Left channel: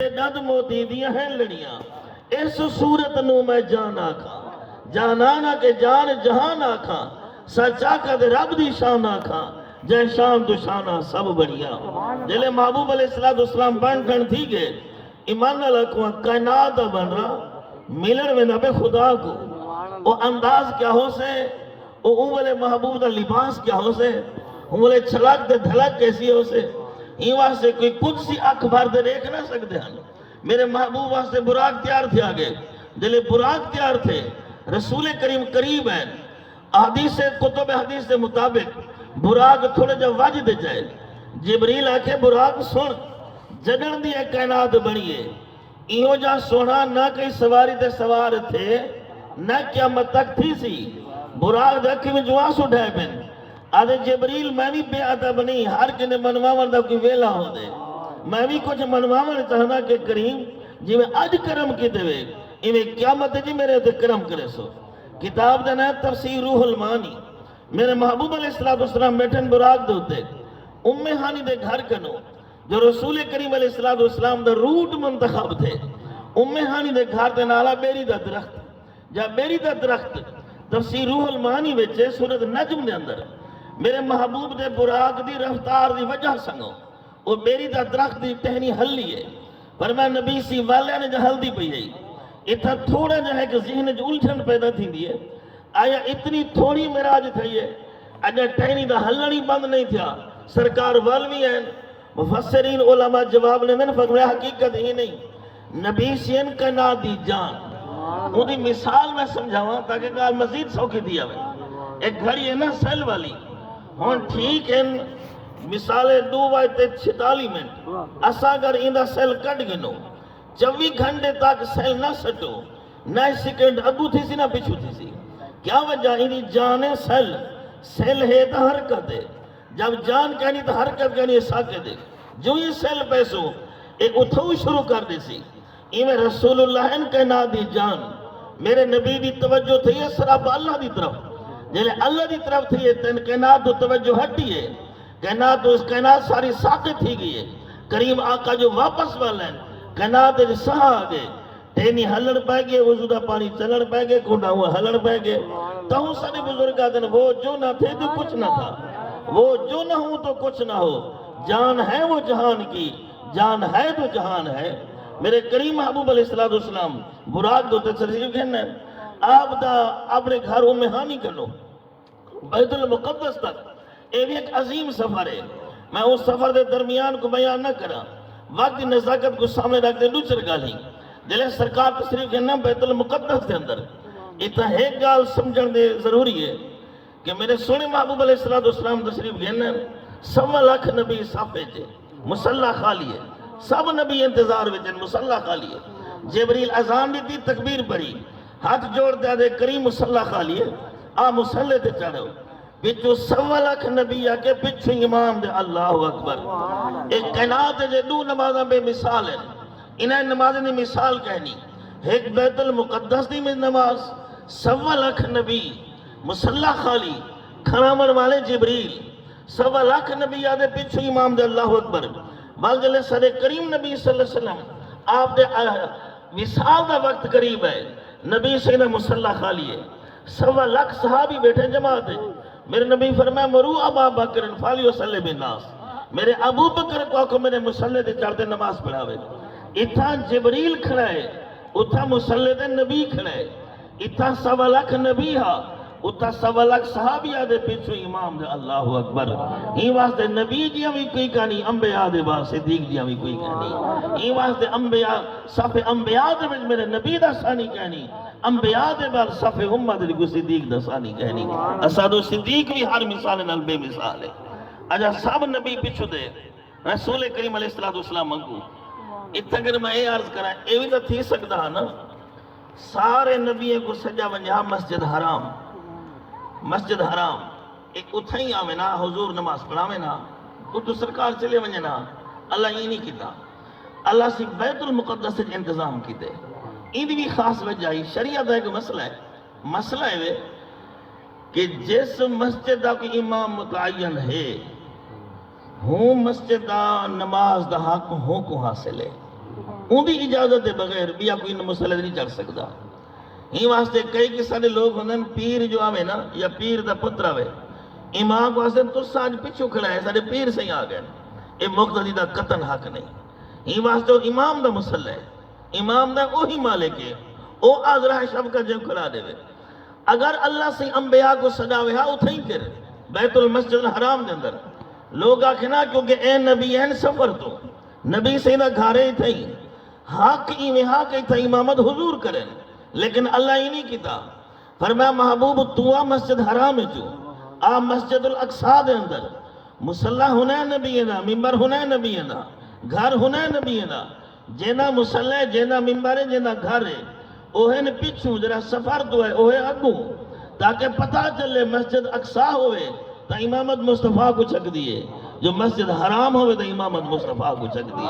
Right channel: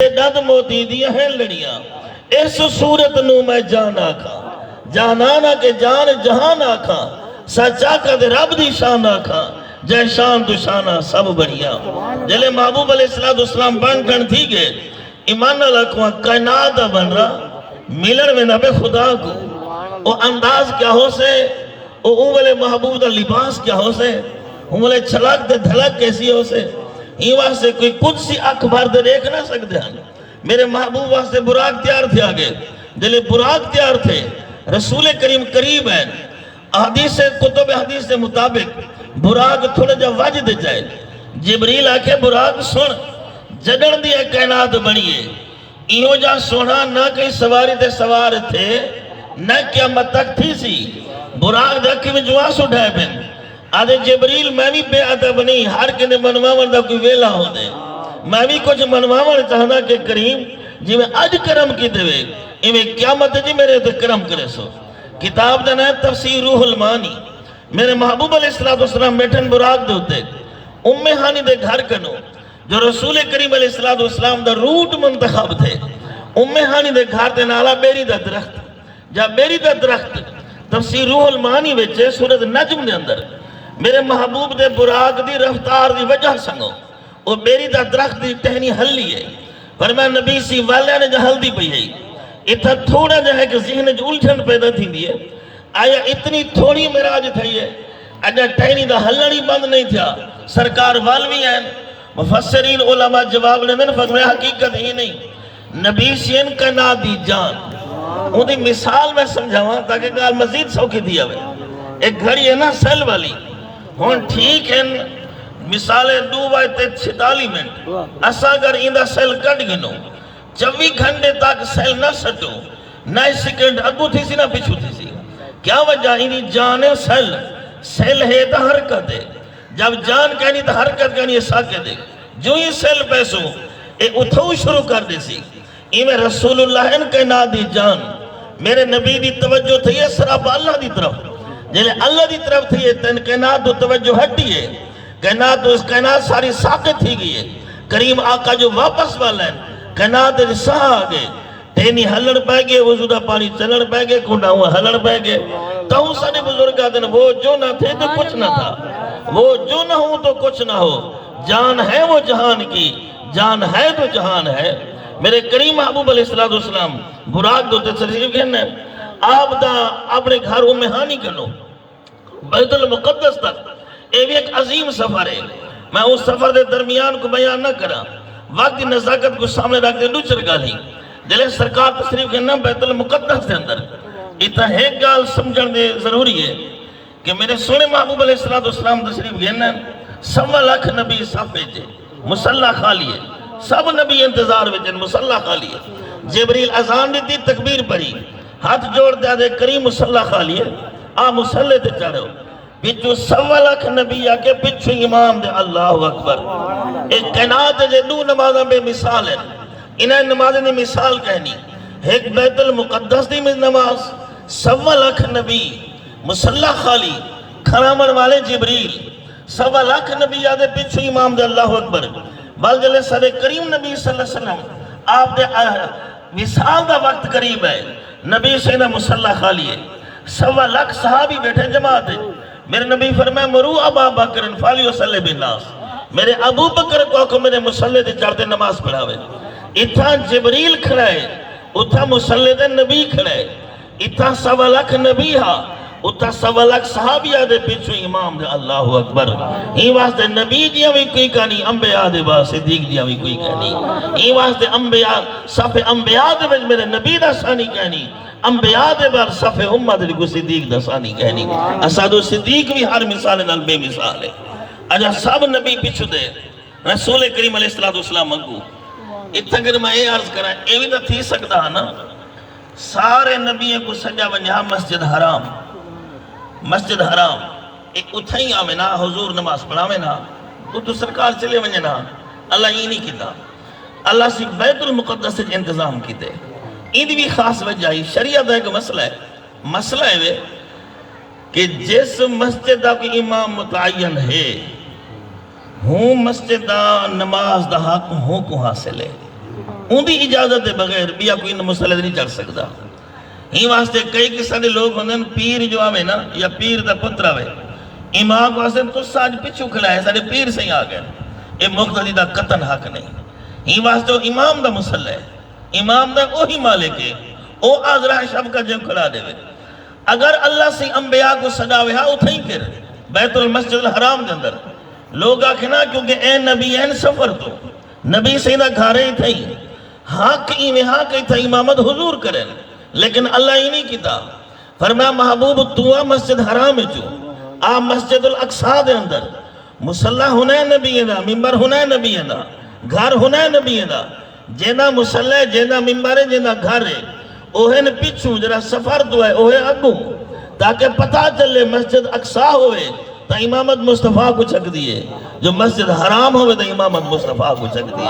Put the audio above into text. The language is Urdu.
دد موتی دیا ہیں لڑیاں اس صورت نو میں جان آکھا جانانا کے جان جہان آکھا سچا کا دے رب دی شان آکھا جے شان تو شانہ سب بڑھیا جلے محبوب علیہ السلام بن کن تھی گئے ایمان اللہ کو کائنات بن رہا ملن میں نبے خدا کو وہ انداز کیا ہو سے وہ اولے محبوب دا لباس کیا ہو سے اولے چھلک دے دھلک کیسی ہو سے ہی واسطے کوئی قدسی اکبر دے دیکھ نہ سکتے ہیں میرے محبوب واسطے براق تیار تھے آگے جلے براق تیار تھے رسول کریم قریب ہیں حدیث کتب حدیث کے مطابق براق تھوڑے جا وجد جائے جبریل آکے براق سن جڑن دی کائنات بنیے ایہو جا سونا نہ کئی سواری دے سوار تھے نہ قیامت تک تھی سی براق دکھی میں جواس اٹھائے بن آدھے جبریل میں بھی بے عدب نہیں ہر کنے منواون دا کوئی ویلا ہو دے میں بھی کچھ منواون چاہنا کہ کریم جی میں اج کرم کی دے ایویں قیامت جی میرے تو کرم کرے سو کتاب دا ہے تفسیر روح المانی میرے محبوب علیہ السلام بیٹھن براق دے ہوتے ہانی دے گھر کنو جو رسول کریم علیہ السلام دا روٹ منتخب تھے ہانی دے گھر دے نالا بیری دا درخت جا بیری دا درخت تفسیر روح المانی وچے سورت نجم دے اندر میرے محبوب دے براق دی رفتار دی وجہ سنگو وہ بیری دا درخت دی ٹہنی ہلی ہے فرمایا نبی سی والے نے جو ہلدی پئی ہے اتھا تھوڑا جو ہے کہ ذہن جو الجھن پیدا تھی دی ہے آیا اتنی تھوڑی مراج تھی ہے اجا ٹہنی دا ہلنی بند نہیں تھا سرکار والوی ہیں مفسرین علماء جواب نے میں فرمایا حقیقت ہی نہیں نبی سی ان کا نا دی جان وہ دی مثال میں سمجھاواں تاکہ گال مزید سوکھی دیا ہوئے ایک گھڑی ہے نا سیل والی ہون ٹھیک ہے مثالیں دو بائی تے 46 منٹ اسا اگر اندہ سیل کٹ گنو 24 گھنٹے تک سیل نہ سٹو نہ سیکنڈ اگو تھی سی نہ پچھو تھی سی کیا وجہ انہی جان سیل ہے تا حرکت ہے جب جان کہنی تا حرکت کہنی ہے ساکے دے جو یہ سیل پیسو ایک اتھو شروع کر دے سی میں رسول اللہ ان کے نا دی جان میرے نبی دی توجہ تھی ہے سراب اللہ دی طرف جلے اللہ دی طرف تھی ہے تن کائنات تو توجہ ہٹی ہے کائنات تو اس کائنات ساری ساکت تھی گئی ہے کریم آقا جو واپس والا ہے کائنات ساہ آگے تینی ہلڑ پہ گئے وضودہ پانی چلڑ پہ گئے کھوڑا ہوا ہلڑ پہ گئے تاہوں سارے بزرگ آتے ہیں وہ جو نہ تھے تو کچھ نہ تھا وہ جو نہ ہوں تو کچھ نہ ہو جان ہے وہ جہان کی جان ہے تو جہان ہے میرے کریم محبوب علیہ السلام براق دوتے تشریف کہنا ہے آپ دا اپنے گھروں میں ہانی کرنو بیت المقدس تک یہ بھی ایک عظیم سفر ہے میں اس سفر دے درمیان کو بیان نہ کرا وقت نزاکت کو سامنے رکھ دے نوچر گالی جلے سرکار تشریف کہنا بیت المقدس دے اندر اتنا ایک گال سمجھن دے ضروری ہے کہ میرے سونے محبوب علیہ السلام تشریف کہنا 1.25 لاکھ نبی صافے جے مسلح خالی ہے سب نبی انتظار وچن مسلح خالی ہے جبریل اذان دی تکبیر پڑھی ہاتھ جوڑ دے کریم مسلح خالی ہے آ مسلح تے چڑھو پچھو 1.25 لاکھ نبی آکے پچھو امام دے اللہ اکبر ایک کائنات جے دو نمازاں بے مثال ہے انہیں نمازیں دی مثال کہنی ایک بیت المقدس دی میں نماز 1.25 لاکھ نبی مسلح خالی کھرامن والے جبریل 1.25 لاکھ نبی آدھے پچھو امام دے اللہ اکبر بل جلے سر کریم نبی صلی اللہ علیہ وسلم آپ دے وصال دا وقت قریب ہے نبی سیدہ مسلح خالی ہے 1.25 لاکھ صحابی بیٹھے جماعت ہے میرے نبی فرمائے مرو ابا بکر فالیو صلی بالناس میرے ابو بکر کو میرے مسلح دے چڑھتے نماز پڑھاوے اتھا جبریل کھڑائے اتھا مسلح دے نبی کھڑائے اتھا 1.25 لاکھ نبی ہاں اتھا 1.25 لاکھ صحابی آدھے پیچھو امام دے اللہ اکبر ہی واسطے نبی جیاں بھی کوئی کہنی انبیاء دے با صدیق جیاں بھی کوئی کہنی ہی واسطے انبیاء صف انبیاء دے وچ میرے نبی دا ثانی کہنی انبیاء دے بار صف امت دے کو صدیق دا ثانی کہنی اساد و صدیق بھی ہر مثال نال بے مثال ہے اجا سب نبی پیچھو دے رسول کریم علیہ السلام اگو اتھا کر میں یہ عرض کرا یہ بھی تو تھی سکتا ہے نا سارے نبیوں کو سجا ونجا مسجد حرام ایک اتھا ہی آوے نا حضور نماز پڑھاوے نا تو سرکار چلے ونجے نا اللہ ہی نہیں کیتا اللہ سے بیت المقدس سے انتظام کیتے این بھی خاص وجہ ہی شریعت ایک مسئلہ ہے کہ جس مسجد کا امام متعین ہے ہوں مسجد دا نماز دا حق ہوں کو حاصل ہے ان دی اجازت دے بغیر بیا کوئی مسلح نہیں چڑھ سکتا. ہی واسطے کئی قسم دے لوگ ہوندے پیر جو آوے نا یا پیر دا پتر آوے امام واسطے تو ساج پچھو کھڑا ہے سارے پیر سے ہی آ گئے اے مقتدی دا قطن حق نہیں. ہی واسطے امام دا مسلح ہے امام دا وہی مالک ہے او آزرہ شب کا جب کھڑا دے. اگر اللہ سے انبیاء کو صداوے ہاں اتھا ہی کر بیت المسجد الحرام دے اندر لوگ آکھنا کیونکہ اے نبی این سفر تو نبی سیدہ گھارے ہی تھا حق ہی تھا امامت حضور کریں لیکن اللہ ہی نہیں کیتا. فرمایا محبوب تو مسجد حرام چو آ مسجد الاقصی دے اندر مسلح ہونا ہے نبی دا ممبر ہونا ہے نبی دا گھر ہونا ہے نبی دا جینا مسلح جینا ممبر ہے جینا گھر ہے اوہے نے پیچھو جرا سفر تو ہے اوہے اگو تاکہ پتہ چلے مسجد اقصی ہوئے تا امامت مصطفیٰ کو چک دیئے جو مسجد حرام ہوئے تا امامت مصطفیٰ کو چک دیئے.